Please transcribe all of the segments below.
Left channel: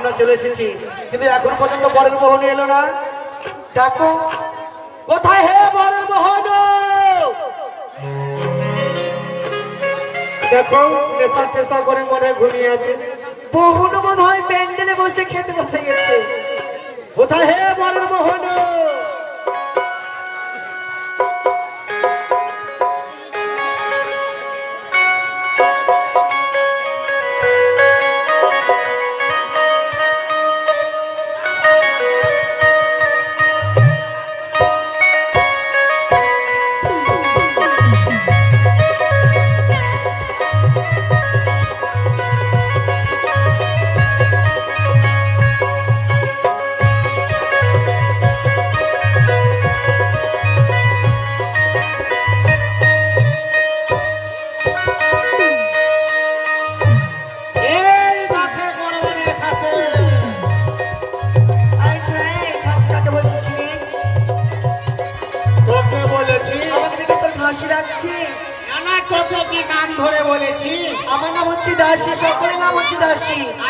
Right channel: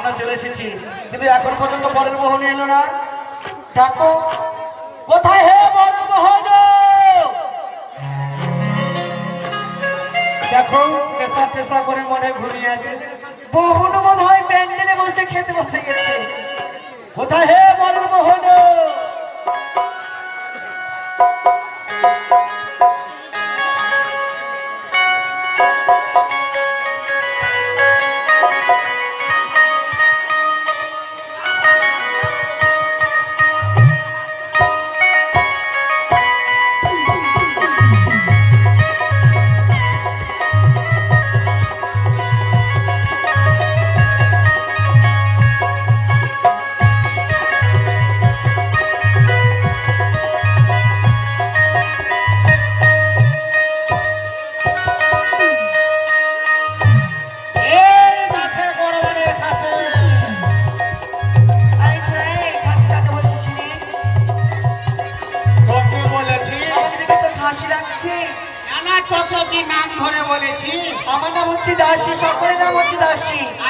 আমরা চলে এসেছি, কিন্তু এখন পর্যন্ত বরের মোহন এলো না। ডাকো, কোথায় হে বরের মোহন? দেখো পেশা পেশা করে মনে ঘুমিয়ে আছে। মোহন বোধ হয় প্যান্ডেলে বসে খেতে বসে গেছে। কোথায় হে বরের মোহন?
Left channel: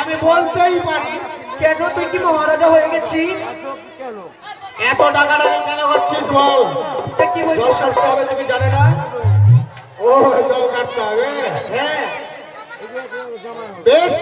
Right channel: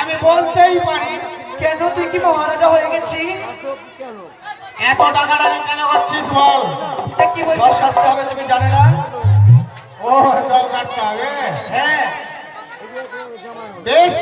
আমি বলতেই পারি। কেন তুই কি মহারাজা হয়ে গেছিস? এত টাকাটা কেন করছিস বল? কি বলছিস? কাটতে হবে, তুমি জানো না? ও জল কাটতে হবে। হ্যাঁ বেশ,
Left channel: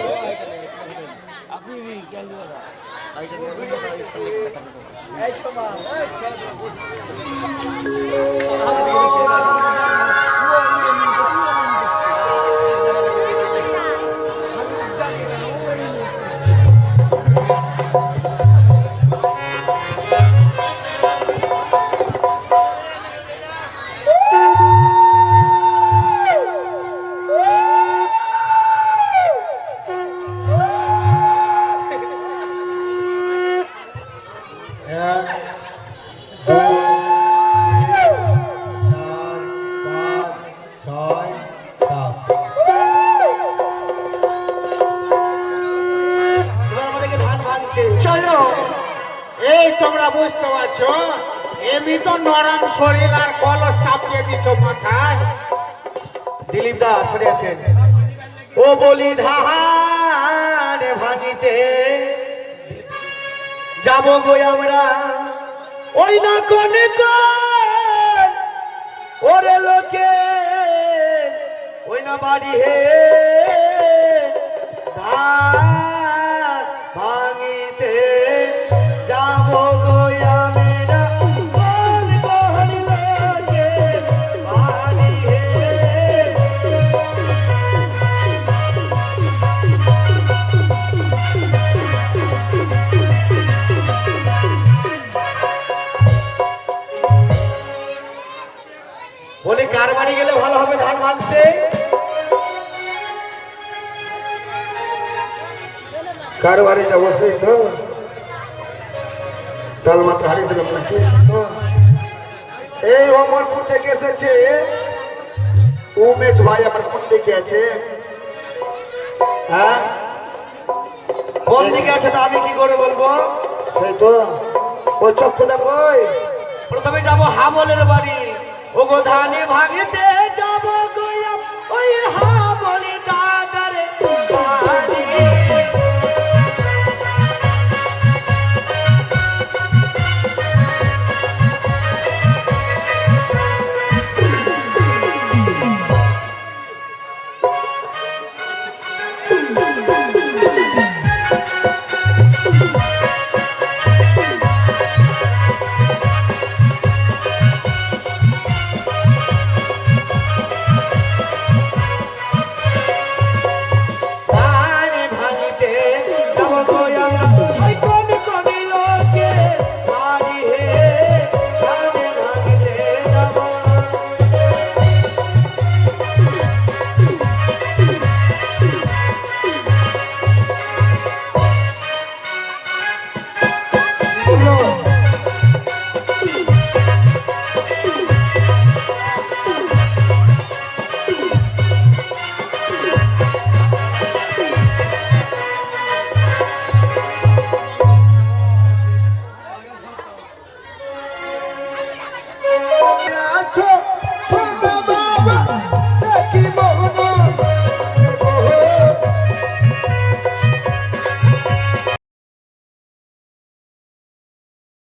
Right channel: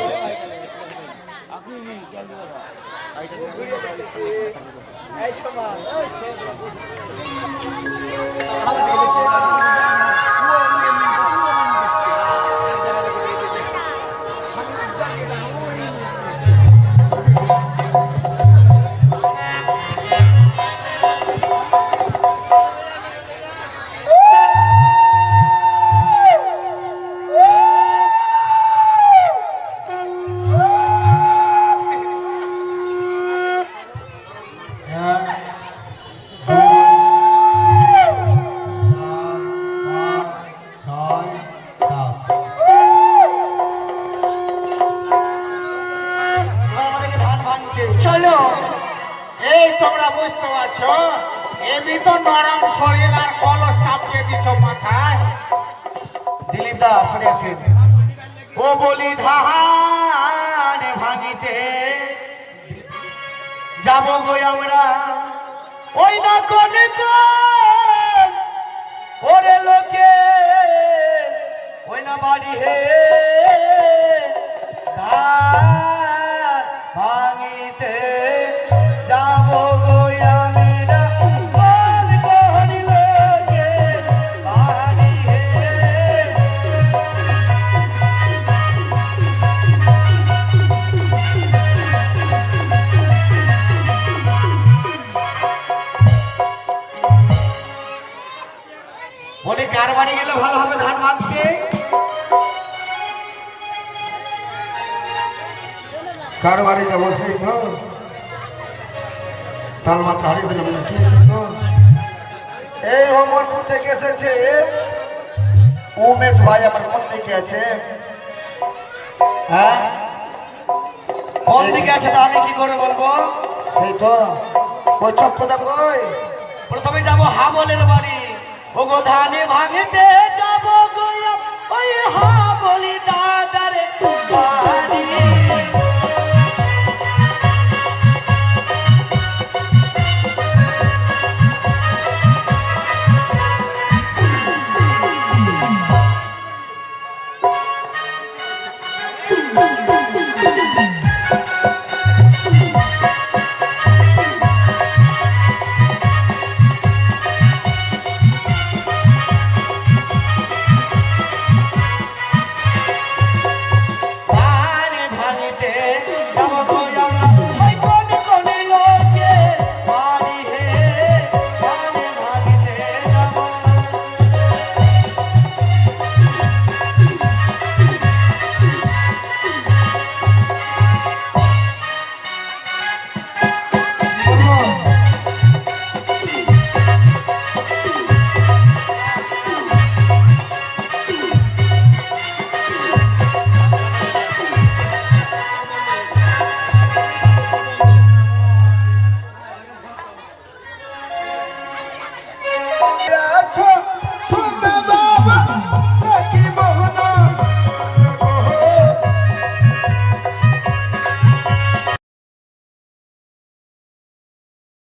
চলো। এই তোমরা বুঝতে পারছো, এমনি তো নরম শরীর আর কলস চাপিয়ে দিচ্ছ মাথায়। দিলীপ দা সরে আসেন। ও বলি ধান ভাঙিতে যাব গো আমরা, ওই না কোন ওরে লোকে, ওই না বাড়ি হে ধান ভাঙিতে যাব গো আমরা, কোন লোকে বাড়ি হে। বলে কার বাড়ি গেলে ভালো হবে ধান ভাঙতে? কার বাড়ি যাবো সেই তো ডাল মাত্র হারিয়ে দিল মনে হচ্ছে তো। এই অমরপুর থেকে এসেছে উমেশ ভাই, আমার কোন দিকে আছে? হ্যাঁ কোন দিকে আছে তা আমি কি করে বলবো? সেই তো ও চক্ষুদা কই? প্রথমে যাবো হাবলের বাড়ি। ও গো ধানে ভাঙেতে যাবো গো ওই হাবলি দাদার বাড়ি। ধানে ভাঙিতে